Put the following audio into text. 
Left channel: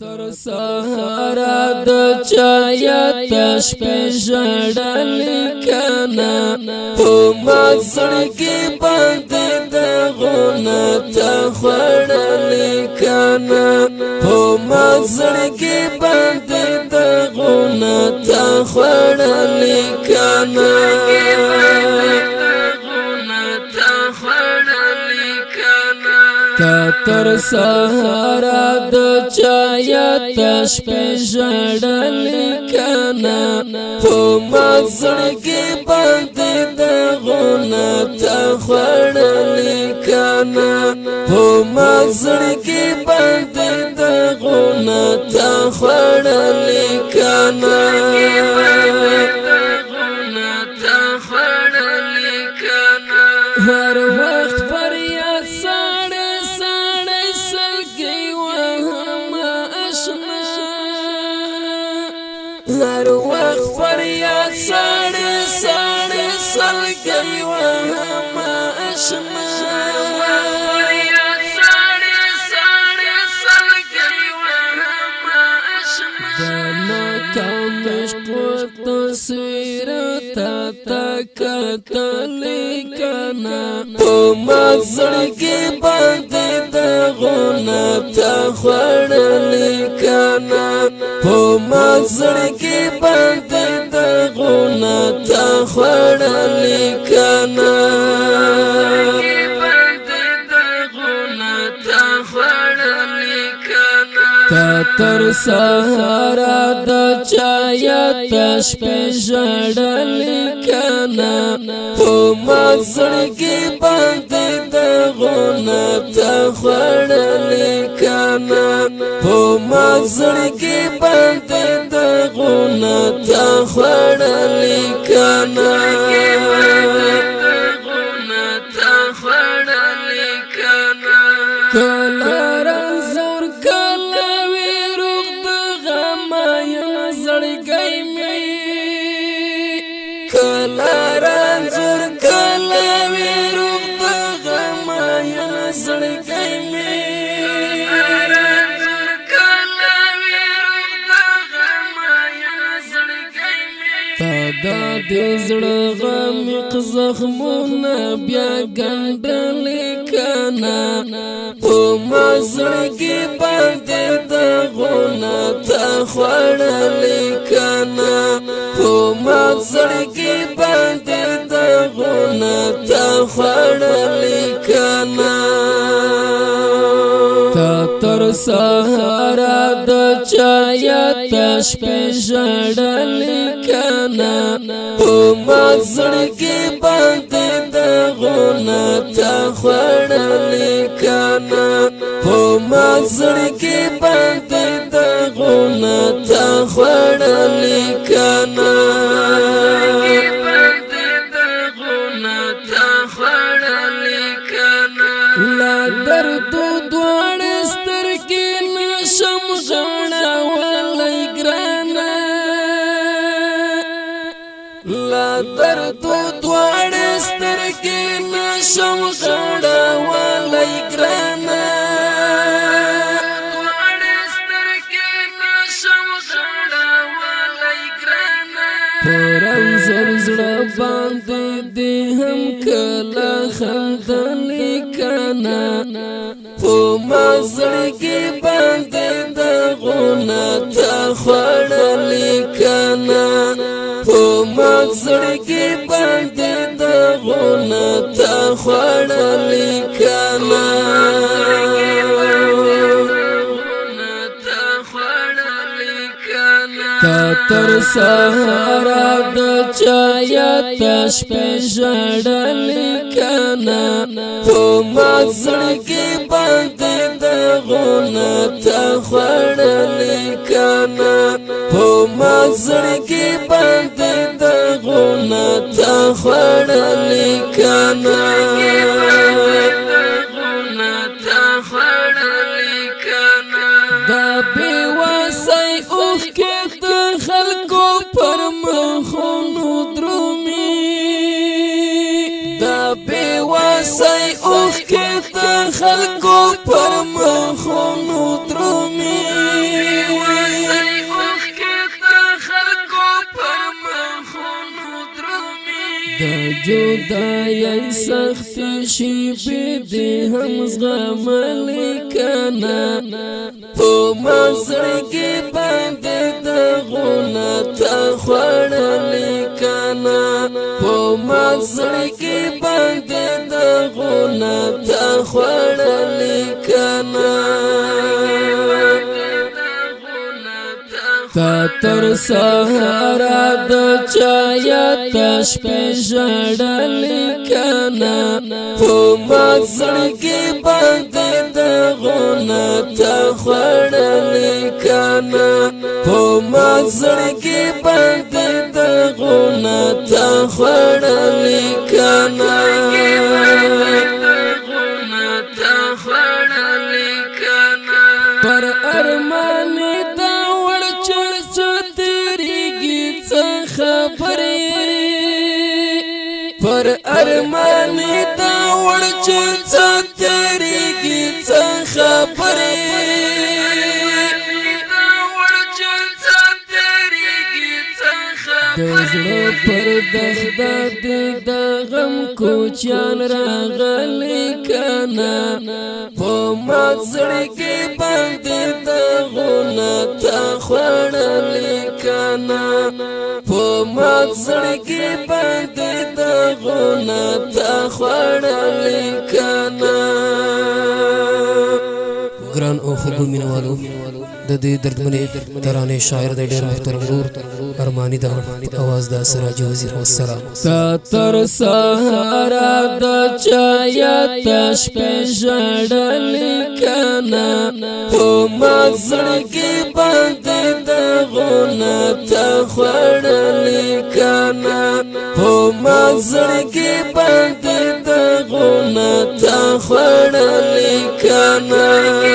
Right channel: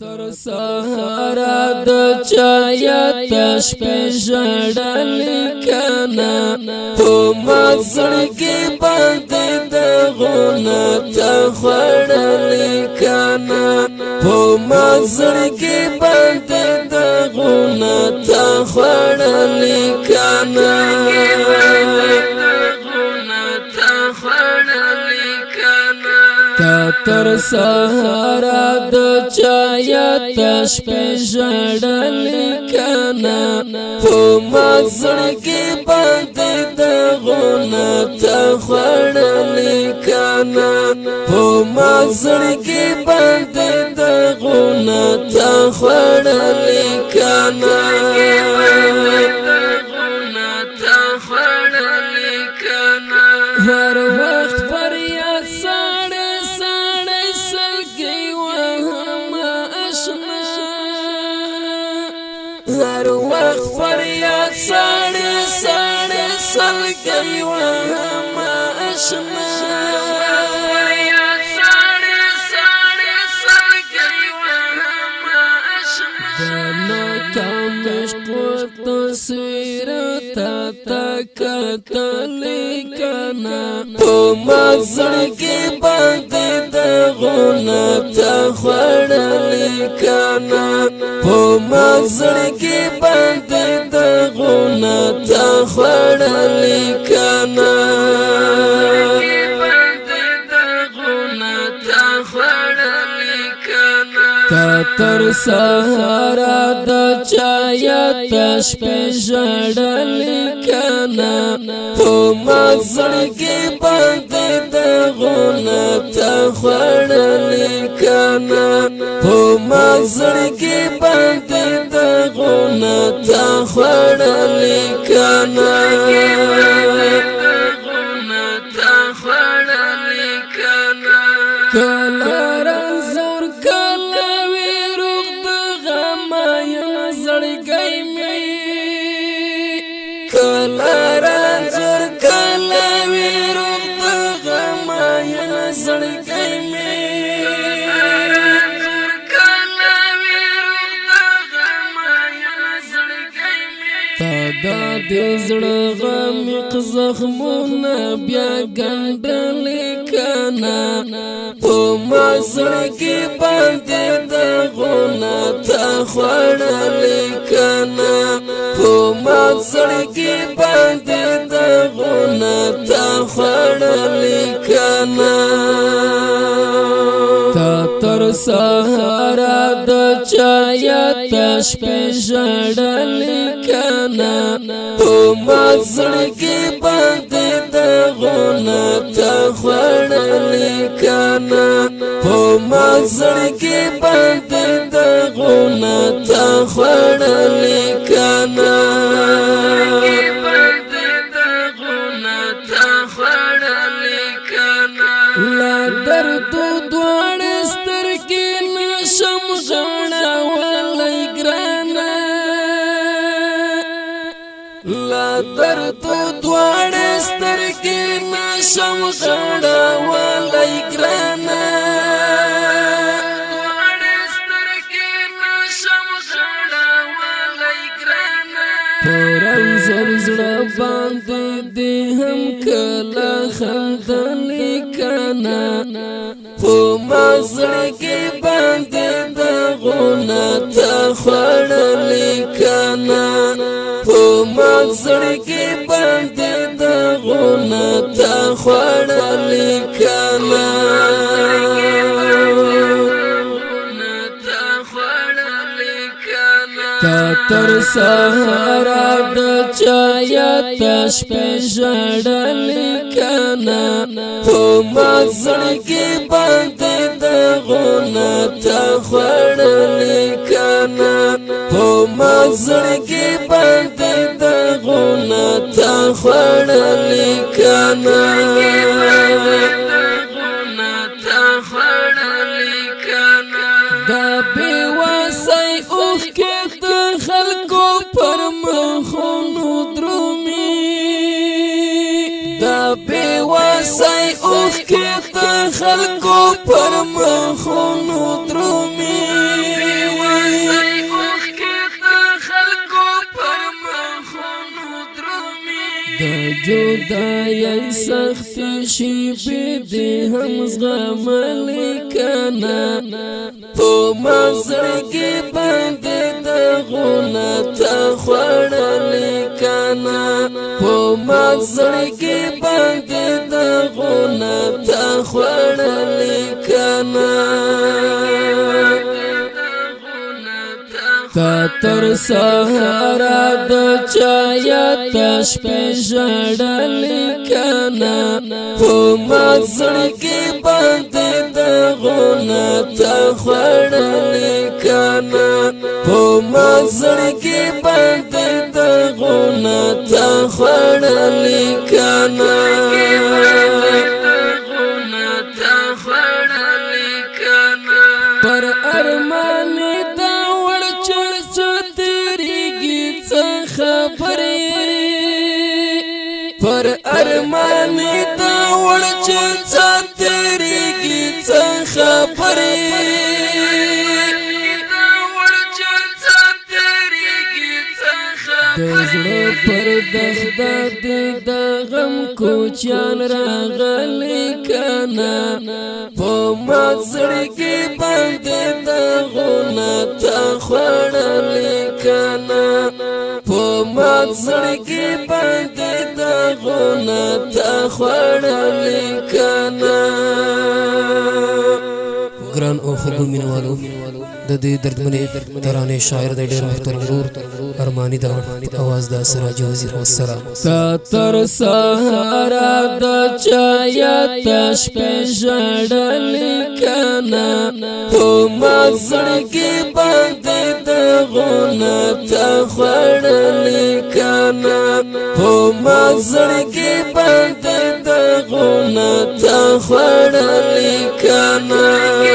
تر سهارا د چایت شپې ژړلې کنه په مزړګي باندې د غونه ته خړلې کنه په مزړګي باندې د غونه ته خړلې کنه تر سهارا د چایت شپې ژړلې کنه په مزړګي باندې د غونه ته خړلې کنه په مزړګي باندې د غونه ته خړلې کنه هر وخت پر یاد هر وقت فریاد ساڑے ساڑے سلگئی وهم اشنا فریاد ساڑے ساڑے سلگئی وهم اشنا دانا کامشق و تصویر تا کتلی کنا پو مزرگی باندے دا غنا تا خڑلی کنا پو مزرگی باندې د غونه ته خړلې کنه تر سهارا د چایت شپې ژړلې کنه په مزړګي باندې د غونه ته خړلې کنه په مزړګي باندې د غونه ته خړلې کنه کله رنځور کله ویروغ د غم یم زړګی مې کله رنځور کله ویروغ د غم یم زړګی مې دا د زړه غمیق زخمونه بیا ګنډلې کنه په مزړګي باندې د غونه ته خړلې کنه په مزړګي باندې د غونه ته خړلې کنه تر سهارا د چایت شپې ژړلې کنه په مزړګي باندې د غونه ته خړلې کنه په مزړګي باندې د غونه ته خړلې کنه لا درد دوړ سترګې نشم غړولای ګرانه لا درد دوړ سترګې نشم غړولای ګرانه پرم زر زړه باندې دې هم کله خندلې کنه په مزړګي باندې د غونه ته خړلې کنه په مزړګي باندې د غونه ته خړلې کنه تر سهارا د چایت شپې ژړلې کنه په مزړګي باندې د غونه ته خړلې کنه په مزړګي باندې د غونه ته خړلې کنه دا بېوسۍ اوښکې د خلکو پر مخونو درومي دا بېوسۍ اوښکې د خلکو پر مخونو درومي دا جدائی سخت شیبی دی هم زغملی کنا پو مزرگی باندی دا غونا تا خوڑلی کنا پو مزرگی باندی دا غونا تا خوڑلی کنا تا تر سهارا د چایا تش په ژړلی کنا په مزړګي باندې د غونا تا خوړلی کنا په مزړګي باندې د غونا تا خوړلی کنا پر ارمان پر ارمان دا ورچ څترګي څه خبرې د زړه پر دغدا د غم کوچیان راغلی کنا په مزړګي باندې د غونا تا خوړلی کنا په مزړګي باندې د غونا تا خوړلی کنا ګران او خوږو مینوالو د دې دردمنې ترانې شاعر د ډېر محترم ورور ارماني دا आवाज د سراج وزیر والسلام تا تر سهارا د چایا تش په ژړلی کنا په مزړګي باندې د غونا تا خوړلی کنا په مزړګي باندې د غونا تا خوړلی کنا